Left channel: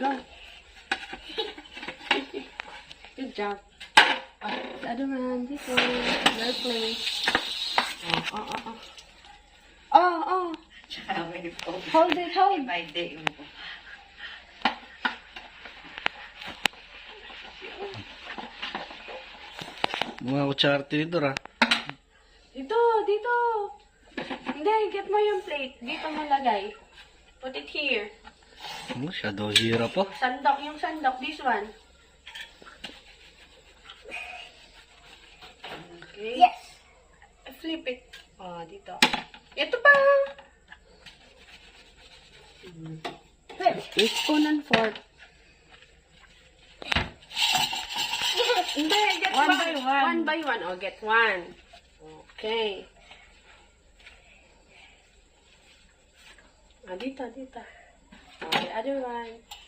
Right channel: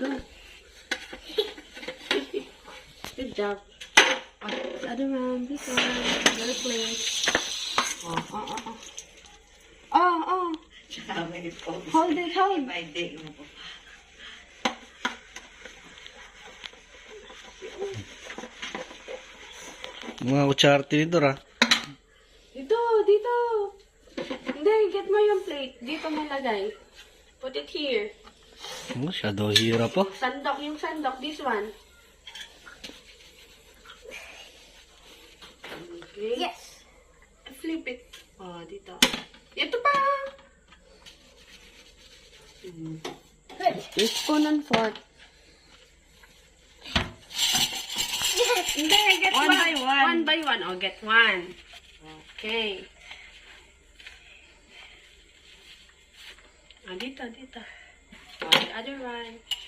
Go. Good job. The other one. This one. Right place. Oh. Hold it, hold. Mga kutsara tinidor ha. Dito. Hindi, get mo yung plate. Dito mo lagay. Put it here. Masyado hirap po. Yung sandok. This one. Okay. Yes. Flip it. Dito. Ito pa. Spoon and fork. Hindi, get One by one. One by one. Oh, get one. Okay. Dito. Oh, the other one.